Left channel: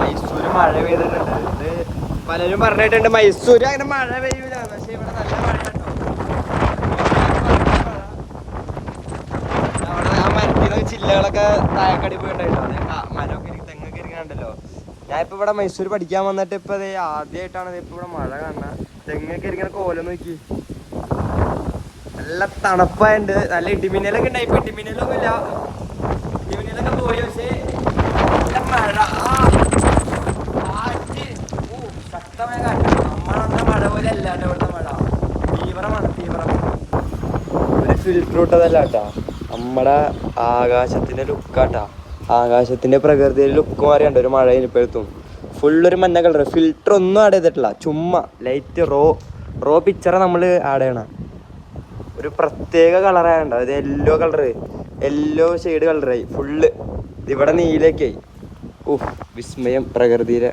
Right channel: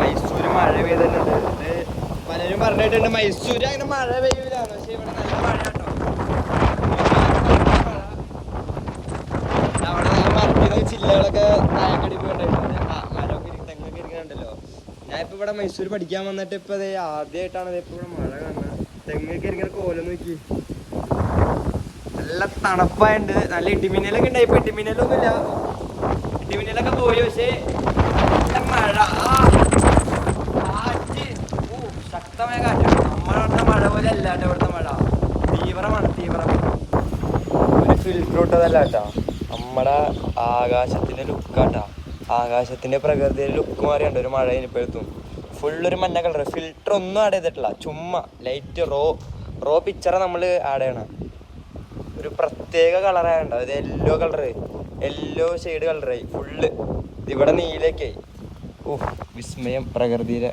മൈസൂര് മഴ പെയ്തിട്ടുണ്ട്. പലരും പറഞ്ഞിട്ടുണ്ട് മൈസൂര് അങ്ങനെ മഴ പെയ്യൂല, പക്ഷെ ഇവിടെ നല്ല മഴ കിട്ടും. അവിടെ ആ മരത്തിൽ ചില്ലകളൊക്കെ താഴക്കടി പോയിട്ടായിട്ടോ, മരമൊക്കെ തെങ്ങൊക്കെ ഇരിക്കണുണ്ടല്ലോ. ഞാൻ ഇപ്പൊ ഇവിടെ മൈസൂർ പഠിക്കാൻ വന്നിട്ട് ഇപ്പൊ ആദ്യമായിട്ടാണ് ഇപ്പൊ ഇവിടെ മഴ കാണുന്നത്. തെങ്ങൊക്കെ ഇരിക്കണ കോലം നോക്കി, നല്ല തണുപ്പായുണ്ട്. നല്ല ഇടിമിന്നലൊക്കെ ഉണ്ടായി. ഇപ്പൊ ഇടിമിന്നലൊന്നും ഇല്ല, ഇടിമിന്നലൊക്കെ പോയി. പക്ഷേ മഴ ശക്തമായ കാറ്റ്. നമ്മളെ മഴ പോലെ അല്ലാണ്ട് ഇവിടുത്തെ മഴ തീവ്രമാണ്, തീവ്രം. ഒരു ഫിൽറ്റർ ഇട്ടതല്ല കേട്ടോ, നമ്മളെ ആകാശത്തിന്റെ ലുക്കാട്ടാ. ആകാശത്തിന്റെ പ്രകൃതിയുടെ ലുക്ക് മാറിയുണ്ട് ഒരു മഴ ഇനിപ്പെടുത്തും. ഫുള്ളൊരു മഞ്ഞ കളർ, ഫിൽറ്റർ ഒന്നും ആഡ് ചെയ്തിട്ടില്ല, ചുമ്മാ ലൈറ്റ് റോ പിക്ചർ നമ്മൾ ആഡ് ചെയ്യണം. ഒരു പ്രത്യേക കളറായുണ്ടോ, അത് യെല്ലോ കളറ്, യെല്ലോ ഷെയ്ഡ് കളറായി ഫുള്ള്. ഇവിടെ നീലൊക്കെ ആയി. ഓഹ് വിസ്മയം പ്രകൃതിയുടെ.